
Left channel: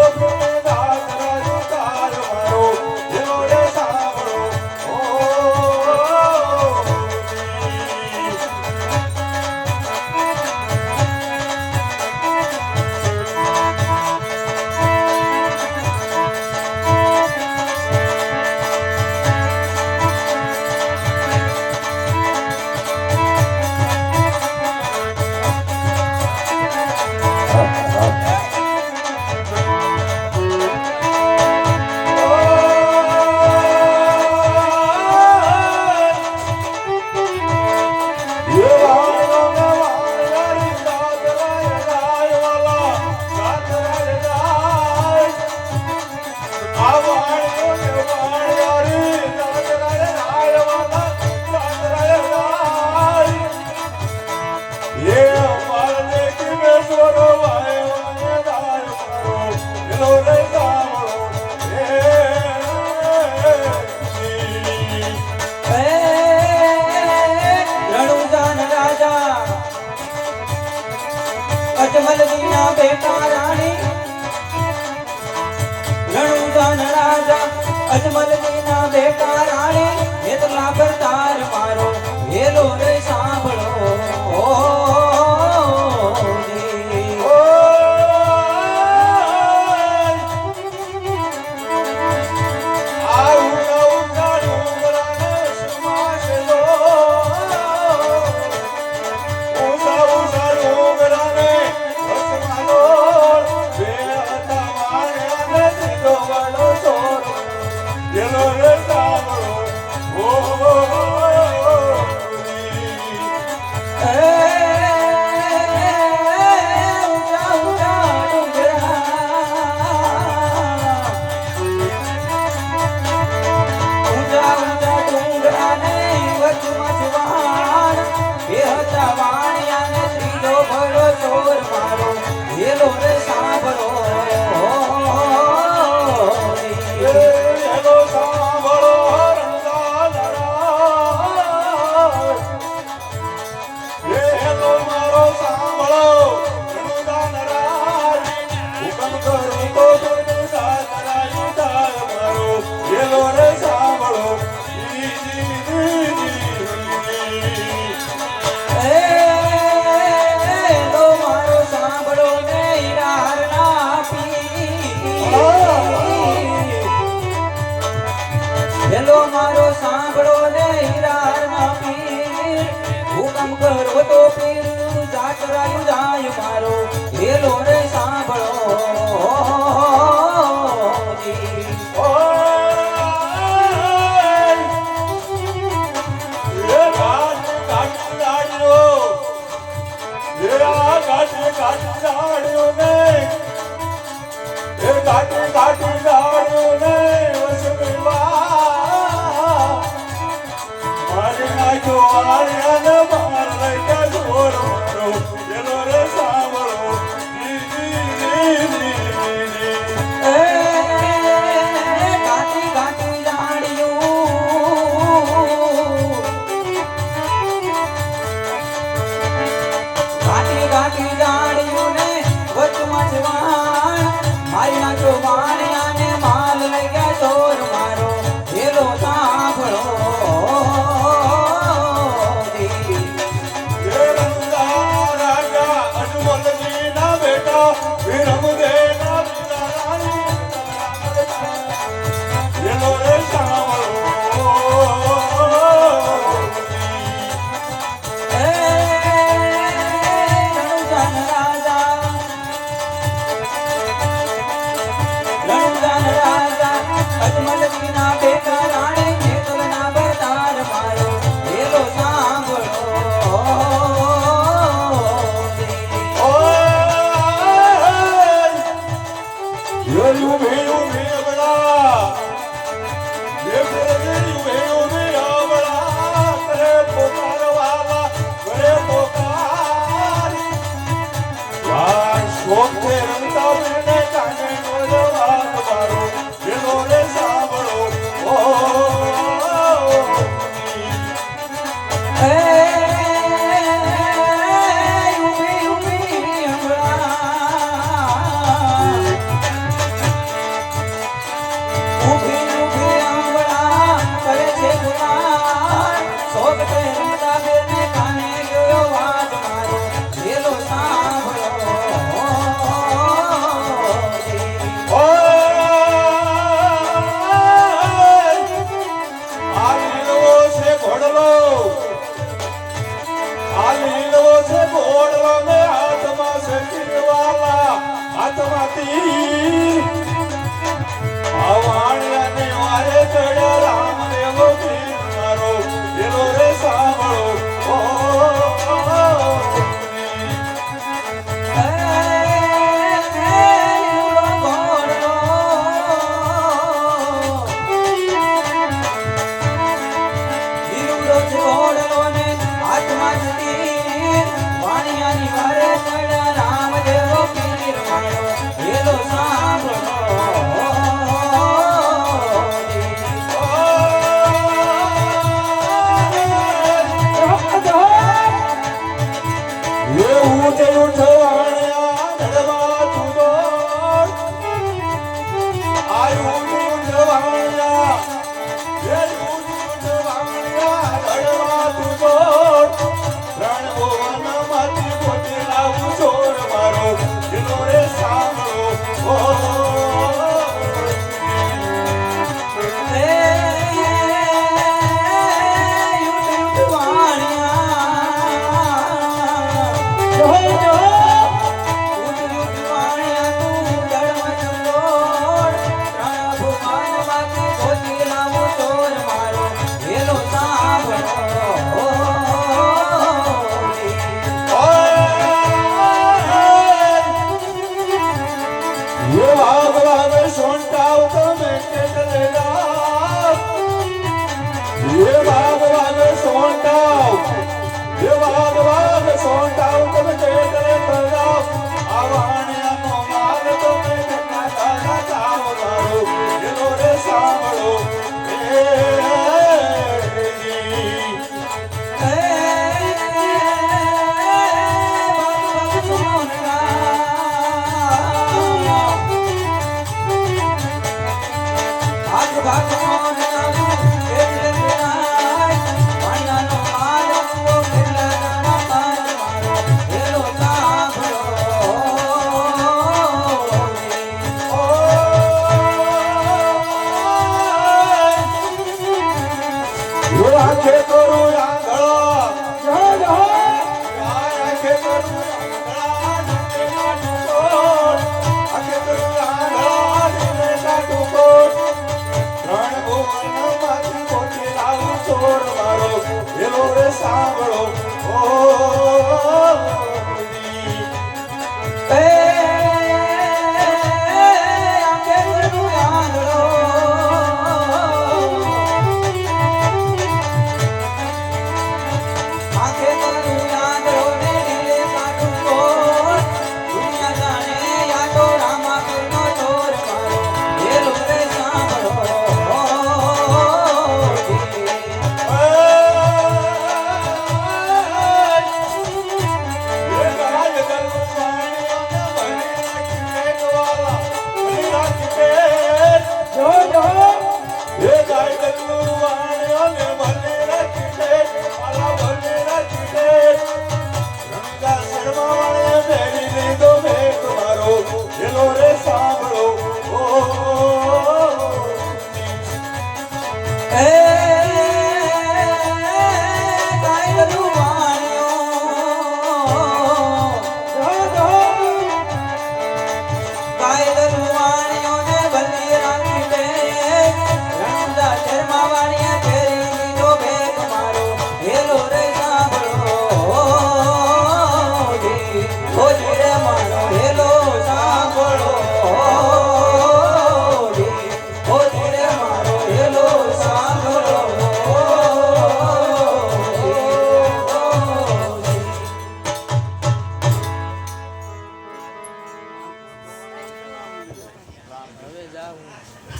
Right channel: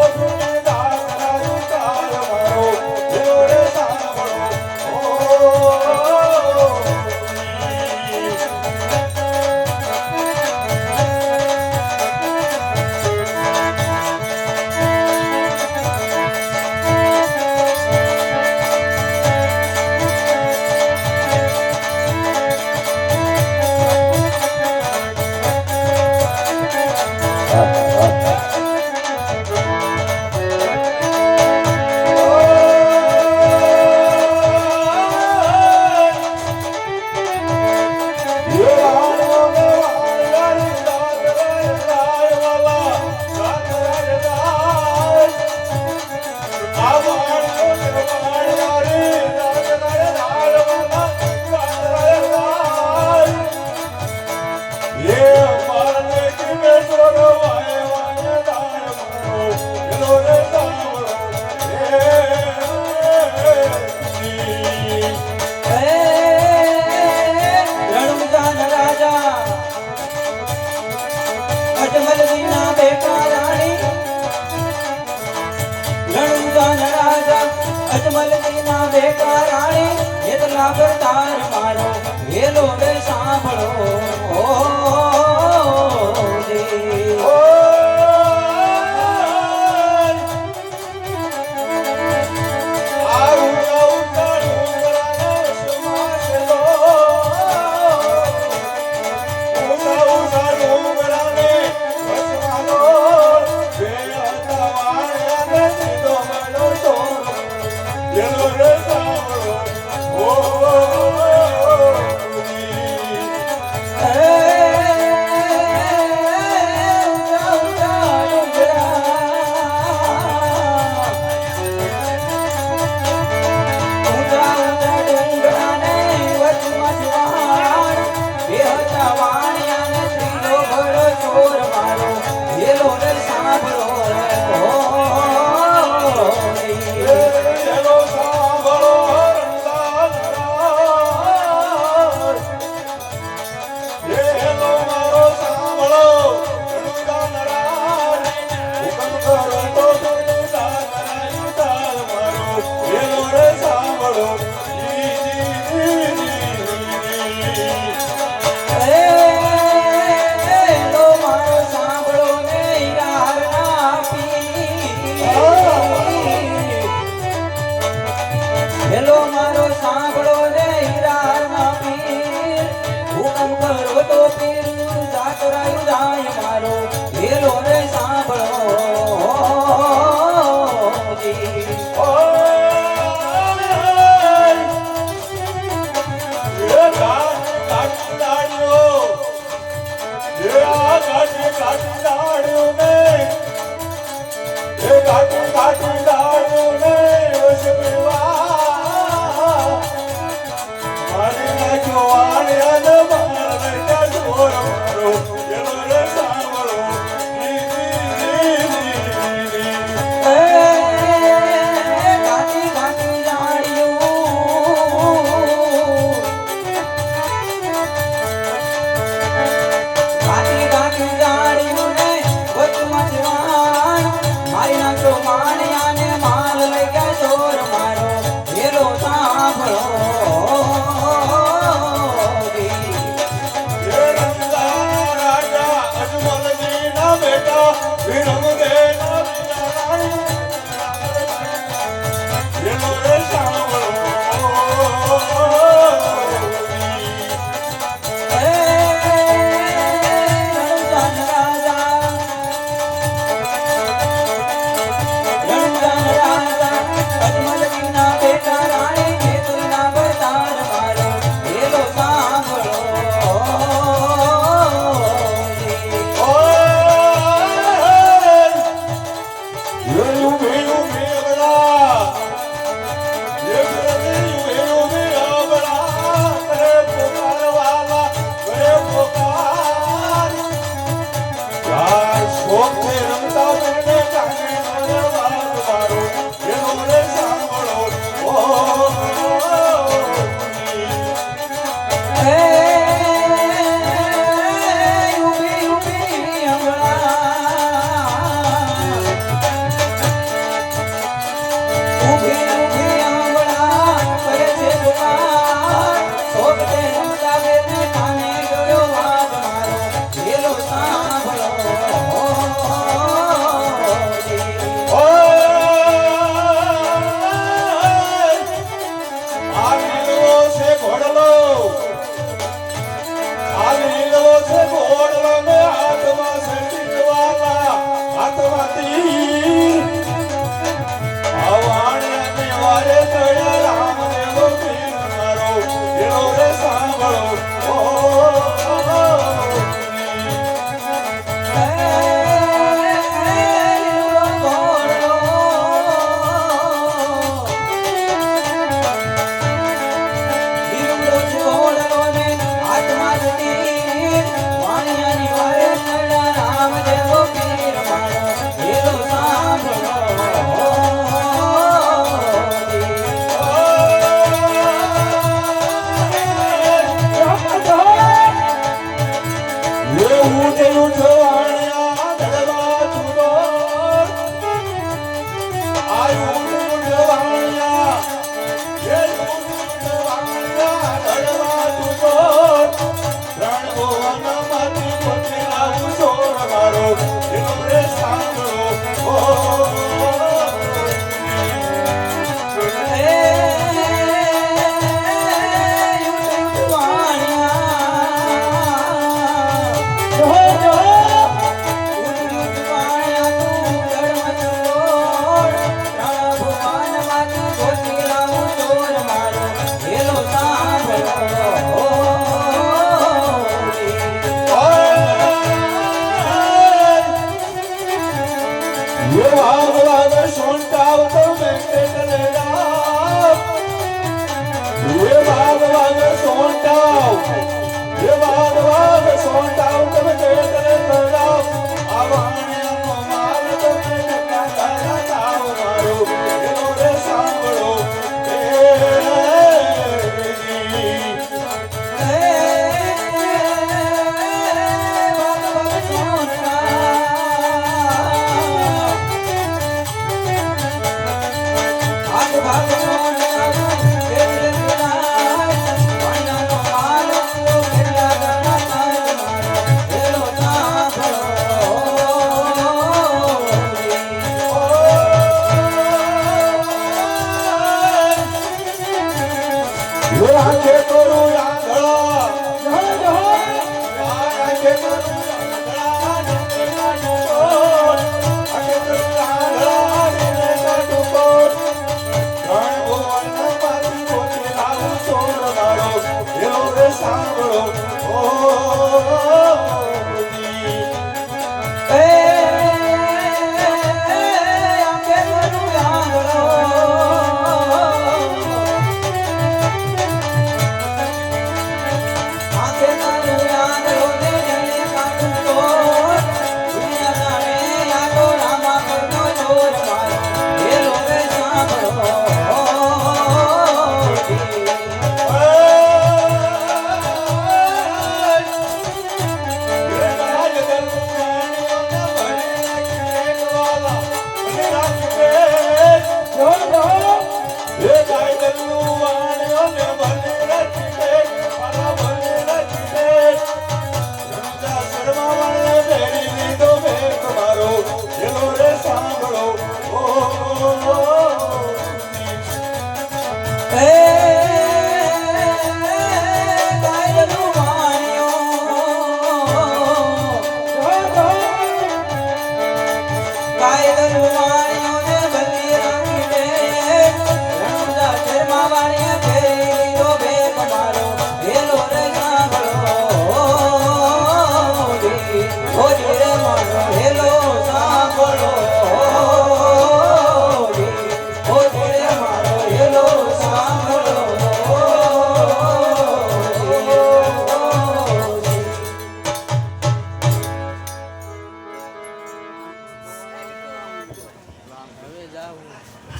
ઓ તો પીર જાતરાયું જાય મારો વેલો રે સાંભળો જી ગાતી ગાતી જાણ્યું ને વચમાં જવાન મારી નાખો માણ્યા ને માલ લઈ ગયા ચોર મારો વેલો સાંભળો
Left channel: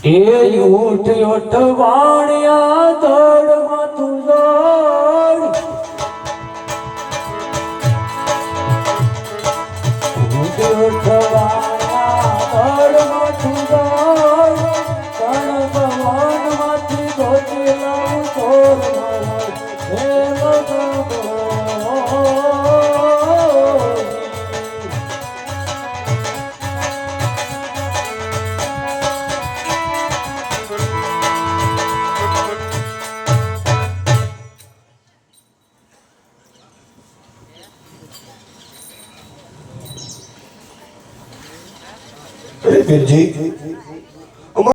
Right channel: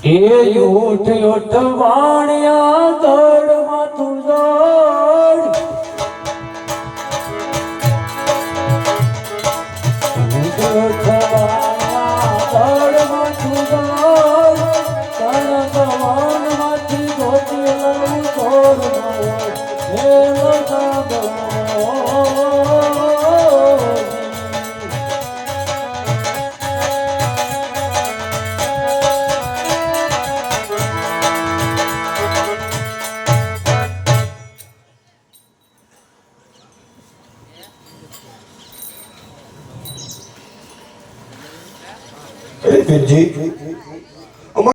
એ ઉઠ ઉઠ વાણિયા દોડ માથું દોડ ઉઠ ઉઠ વાણિયા દોડ માથું દોડ તણ ભવનમાંથી ગોતી લઉં દોડ મારો હે મોટા દોડ પીરજી